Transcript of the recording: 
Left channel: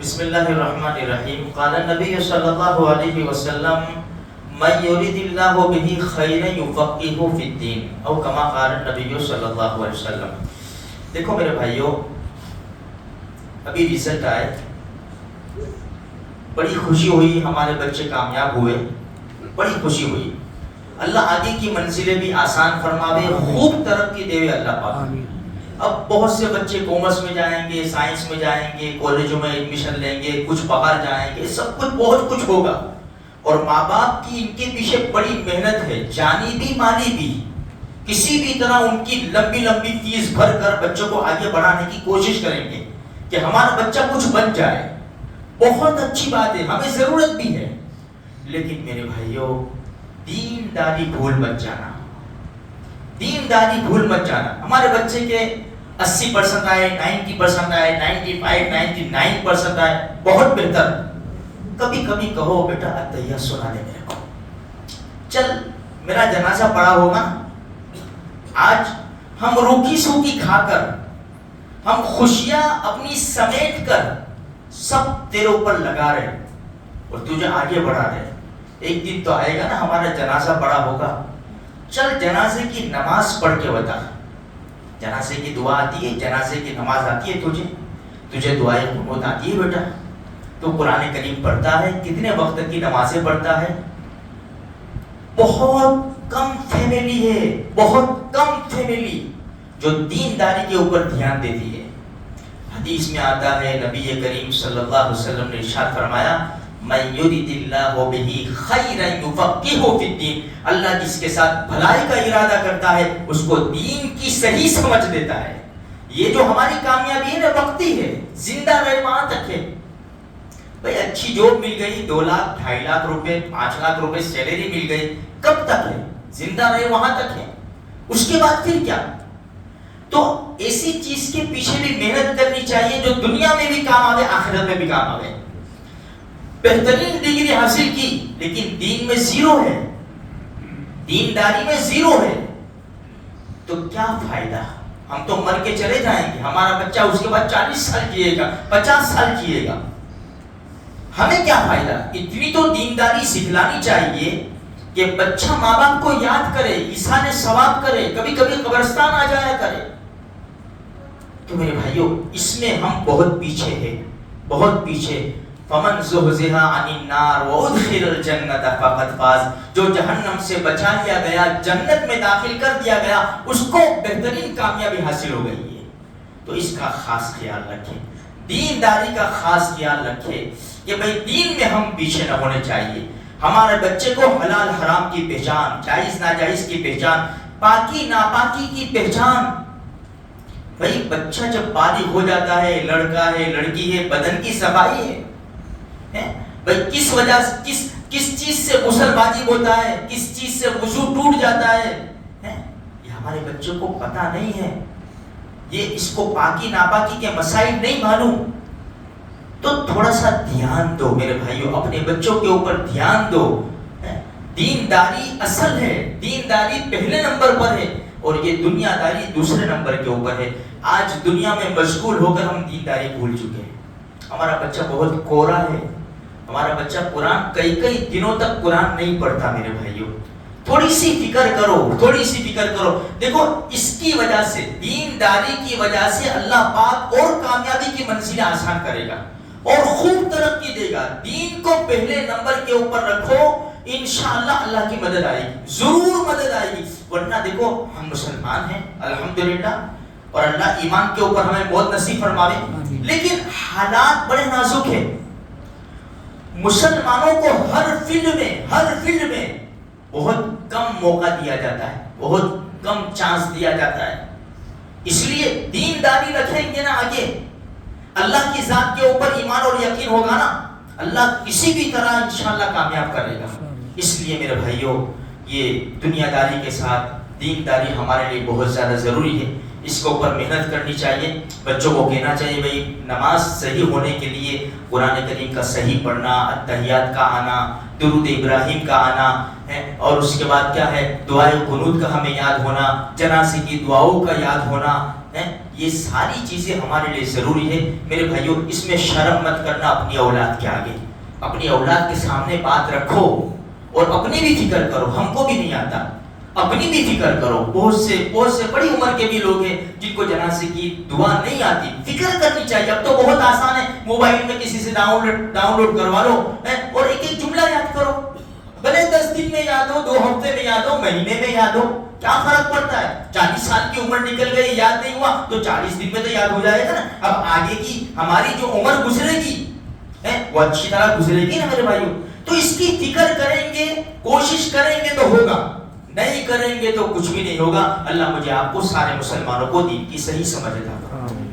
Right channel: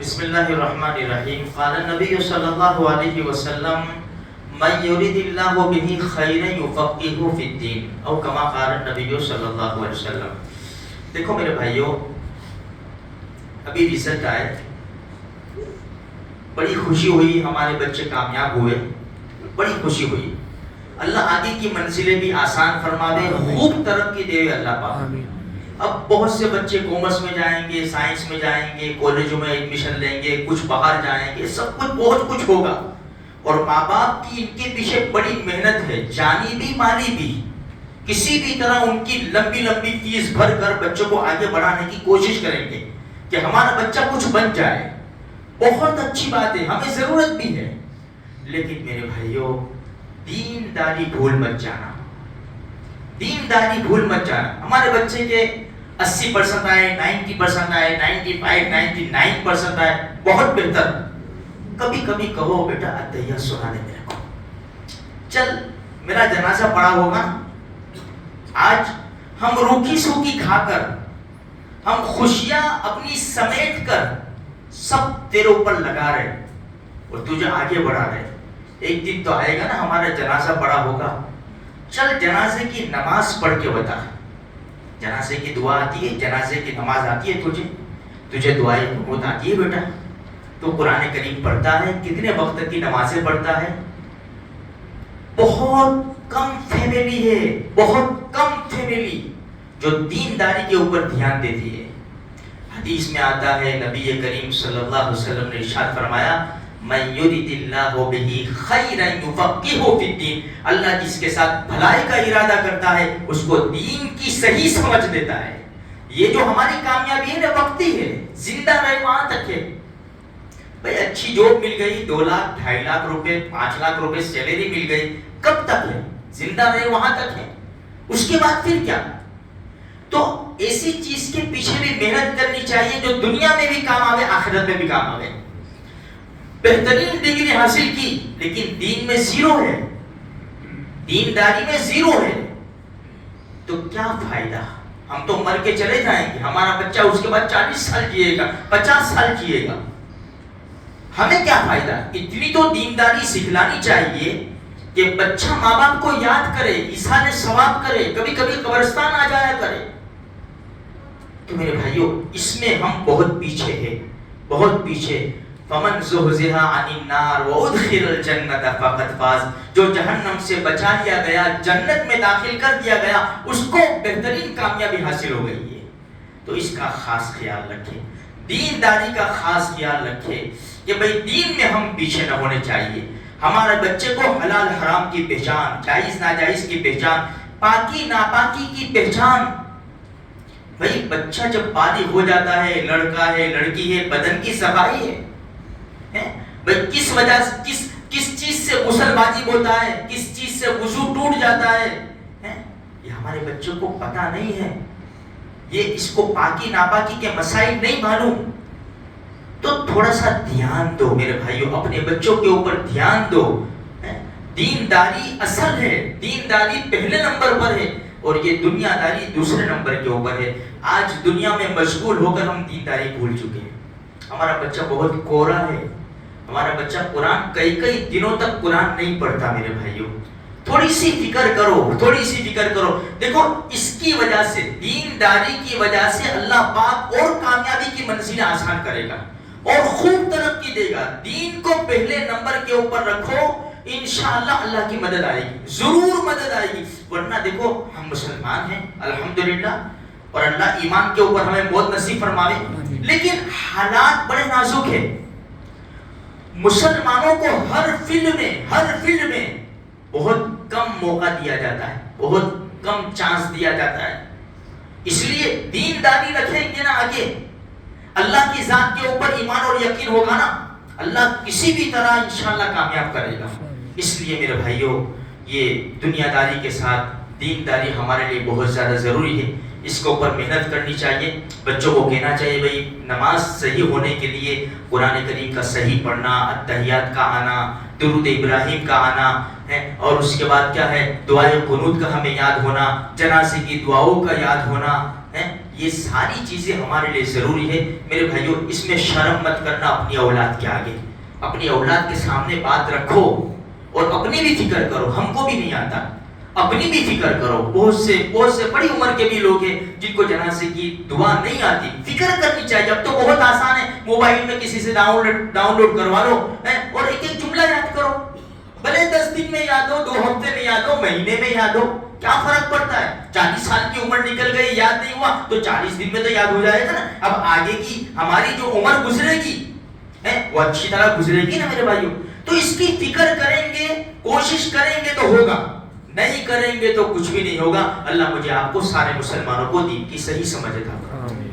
بسم اللہ الرحمن الرحیم. قال النبی صلی اللہ علیہ وسلم من یرید اللہ بہ خیرا یفقہہ فی الدین او کما قال النبی صلی اللہ علیہ وسلم. دیکھو میرے بھائیوں، ابھی رزلٹ آئے، بڑی خوشی ہوئی، ہمارے بچے کامیاب ہوئے، بڑی خوشی ہوئی. اللہ آگے کی منزلیں بھی آسان فرماوے، خوب ترقی دے اللہ پاک. اب بہت سے بچے کامرس میں جائیں گے، سائنس میں جائیں گے، کالجوں میں ایڈمیشن لیں گے، کچھ باہر جائیں گے، سب کچھ بہت کچھ ہوگا. اور ماں باپ کی ان کے پیچھے بڑی محنت ہے، جانی بھی مالی بھی. کسی بھی طرح ان کی لمبی لمبی فیس بھر کر بچوں کو آگے بڑھانے کی کوشش کریں گے کہ ہمارا بچہ کچھ بن جائے. بہت اچھی بات ہے، ہمیں ضرورت بھی ہے. لیکن میرے بھائیوں، دینداری بھول مت جانا، دینداری بھول مت جانا. ہمارے بچے کے 80% آئے، 90% آئے، 95 99% آئے، بہت بہتر. کبھی کبھی کہو بیٹا اتحیہ سنا دے میرے کو، چل میرا جنازہ پڑا ہوگا، آج ہم روکی سوکی کھا کر، ہم خوشیاں اپنی سمیٹ کر سب تیرے اوپر لگا رہے اور تجھے آگے بڑھا رہے. ایک دن تو آئے گا نا ہمارا جنازہ پڑا ہوگا، چل جنازے کی نماز پڑھ کے بتا. جنازے کی دعا آتی ہے، جنازے کی نماز آتی ہے، تجھے دعائیں قنوت آتی ہے بیٹا؟ تو قرآن کریم پڑھتا ہے؟ کتنے وقت کی نمازیں پڑھتا ہے؟ بہت کم فیملی ہے، بہت کم فیملی جو دینداری کے اوپر دھیان دیتی ہے. حدیث میں آتا ہے، نبی کریم صلی اللہ علیہ وسلم نے ارشاد فرمایا، من یرید اللہ بہ خیرا یفقہہ فی الدین. اللہ جس کے ساتھ بھلائی کا ارادہ کرتا ہے اس کو دین کی صحیح سمجھ دیتا ہے. یہ جو ہماری کامیابی ہے نا وقتی ہے، زندہ رہے وہاں تک ہے. بھئی اچھی جاب مل گئی، 2 لاکھ 2.5 لاکھ روپے 5 لاکھ روپے سیلری مل گئی، کب تک ہے؟ زندہ رہے وہاں تک ہے. اس کے بعد پھر کیا؟ تو ایسی چیز کے پیچھے بھی محنت کرنی چاہیے جو دنیا میں بھی کام آوے، آخرت میں بھی کام آوے. بہترین ڈگری حاصل کی لیکن دین میں زیرو ہے، دینداری میں زیرو ہے، تو کیا فائدہ؟ ہم تو مر کے چلے جائیں گے، ہمارا بچہ اس کے بعد 40 سال جیے گا، 50 سال جیے گا، ہمیں کیا فائدہ؟ اتنی تو دینداری سکھلانی چاہیے کہ بچہ ماں باپ کو یاد کرے، ایثار ثواب کرے، کبھی کبھی قبرستان آ جایا کرے. تو میرے بھائیوں، اس میں ہم بہت پیچھے ہیں، بہت پیچھے. فمن زحزح عن النار وادخل الجنۃ فقد فاز. جو جہنم سے بچا لیا گیا، جنت میں داخل کر دیا گیا، اس کو بہترین کامیابی حاصل ہو گئی ہے. تو اس کا خاص خیال رکھیں، دینداری کا خاص خیال رکھیں کہ بھئی دین میں ہم پیچھے نہ ہونے چاہیے. ہمارے بچے کو حلال حرام کی پہچان، جائز ناجائز کی پہچان، پاکی ناپاکی کی پہچان. بھئی بچہ جب بالغ ہو جاتا ہے، لڑکا ہے لڑکی ہے، بدن کی صفائی ہے. بھئی کس وجہ سے کس چیز سے غسل واجب ہوتا ہے، کس چیز سے وضو ٹوٹ جاتا ہے، یہ ہمارے بچوں کو پتہ نہیں ہے. یہ اس کو پاکی ناپاکی کے مسائل نہیں معلوم. تو تھوڑا سا دھیان دو میرے بھائیوں، اپنے بچوں کے اوپر دھیان دو. دینداری اصل ہے، دینداری پہلے نمبر پر ہے اور یہ دنیا داری دوسرے نمبر کے اوپر ہے. آج دنیا میں مشغول ہو کر ہم دینداری بھول چکے ہیں. ہمارا بچہ بہت کورا ہے، ہمارا بچہ قرآن کئی دنوں تک قرآن نہیں پڑھتا. میرے بھائیوں تھوڑی سی فکر کرو، تھوڑی سی فکر کرو. دیکھو اس کی وجہ سے، دینداری کی وجہ سے اللہ پاک اور کامیابی کی منزلیں آسان کرے گا اور خوب ترقی دے گا. دین کو پہلے نمبر کے اوپر رکھو، انشاءاللہ اللہ کی مدد آئے گی، ضرور مدد آئے گی. ورنہ دیکھو ہم مسلمان ہیں الحمدللہ، اور اللہ ایمان کے اوپر ہمیں بہت نصیب فرماوے، لیکن حالات بڑے نازک ہیں. مسلمانوں کو ہر فیلڈ میں بہت کم موقع دیا جاتا ہے، بہت کم چانس دیا جاتا ہے. اس لیے دینداری رکھیں گے نا آگے، اللہ کی ذات کے اوپر ایمان اور یقین ہوگا نا، اللہ کسی بھی طرح انشاءاللہ کامیاب کرے گا. اس لیے میرے بھائیوں، یہ دنیا داری کے ساتھ دینداری ہمارے لیے بہت زیادہ ضروری ہے. اس کے اوپر محنت کرنی چاہیے. بچوں کو کہنا چاہیے بھئی نماز صحیح ہونے کے لیے قرآن کریم کا صحیح پڑھنا، اتحیات کا آنا، درود ابراہیم کا آنا ہے، اور اس کے بعد کیا ہے، دعائے قنوت کا ہمیں یاد ہونا، جنازے کی دعاؤں کا یاد ہونا ہے. یہ ساری چیزیں ہمارے لیے ضروری ہے میرے بھائیوں. اس میں شرم مت کرنا اپنی اولاد کے آگے. اپنی اولاد کے سامنے بات رکھو اور اپنی بھی فکر کرو. ہم کو بھی نہیں آتا, اپنی بھی فکر کرو. بہت سے بڑی عمر کے بھی لوگ ہیں جن کو جنازے کی دعا نہیں آتی. فکر کرنی چاہیے. اب تو بہت آسان ہے, موبائل میں کسی سے ڈاؤن لوڈ کروا لو اور ایک جملہ یاد کرو. بھلے 10 دن میں یاد ہو, 2 ہفتے میں یاد ہو, مہینے میں یاد ہو, کیا فرق پڑتا ہے؟ 40 سال کی عمر نکل گئی, یاد نہیں ہوا تو 40 دن میں تو یاد ہو جائے گا نا. اب آگے کی ہماری جو عمر گزرے گی وہ اچھی طرح گزرے گی نا میرے بھائیوں. تو اس کی فکر کریں گے, کوشش کریں گے تو ہوگا, نہیں کریں گے تو کچھ بھی نہیں ہوگا. اللہ مجھے آپ کو سارے مسلمانوں کو دین کی صحیح سمجھ عطا فرمائے.